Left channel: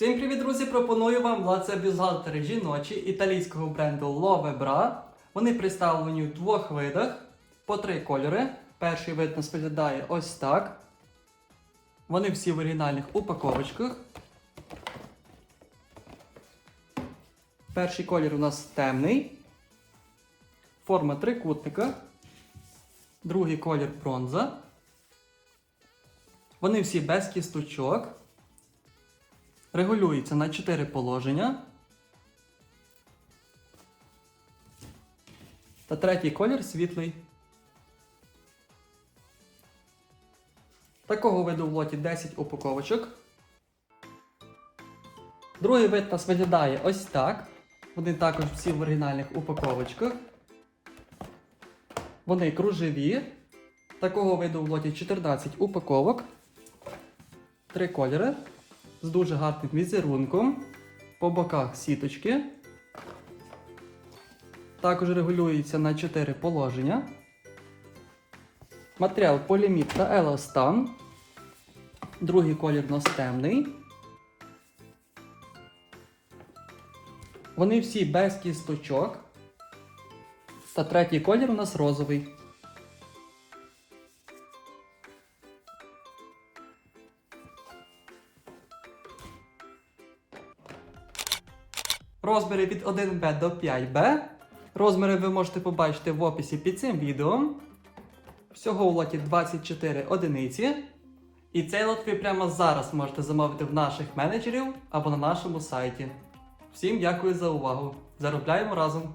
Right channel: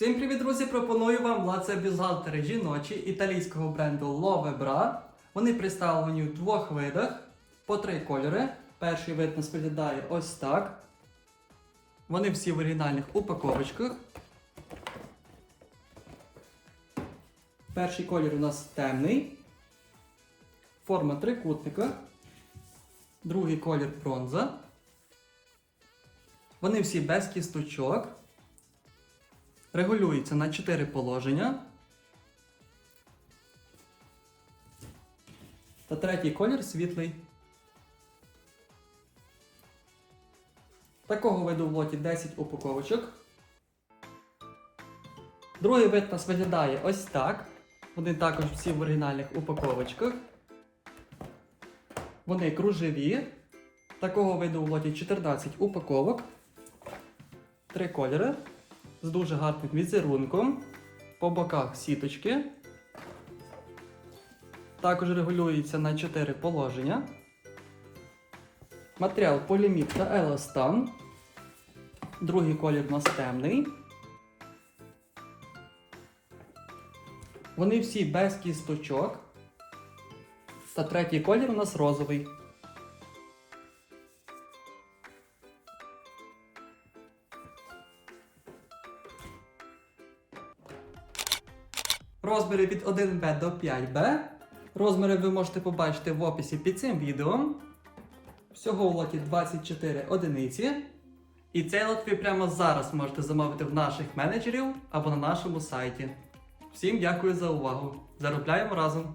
Всім привіт, друзі! Пропоную вам лаце бюстгальтери жіночі італійського бренду Love Bra. Вони представлені в двох видах по три кольори. Перший вид нас виглядає ось так. Вони всі в оригінальних упаковочках. Перший колір у нас темний. Форма трикутника. Другий колір бронза. Вони всі без кісточок. Регулюється на 4 положення. Та третій колір світлий. Такого виду в лоті 10 упаковочок. Другий вид нас виглядає ось так. Вони також всі в оригінальних упаковочках. Вони кружеві. Такого виду в лоті 14 упаковок. Три кольори з дуже гарним візерунком. По боках сіточки. Також регулюється на 4 положення. Матеріал поліміт та еластан. Другий колір у нас темний. Вони всі без кісточок. Та третій колір у нас розовий. Розміри від 1Б до 5Б. Розміри ви можете побачити в описі під цим відео. Всього у лоті 24 одиниці. І цей лот ви прямо зараз можете замовити в наших менеджерів або на нашому сайті. Всім дякую за увагу! Заробляємо разом!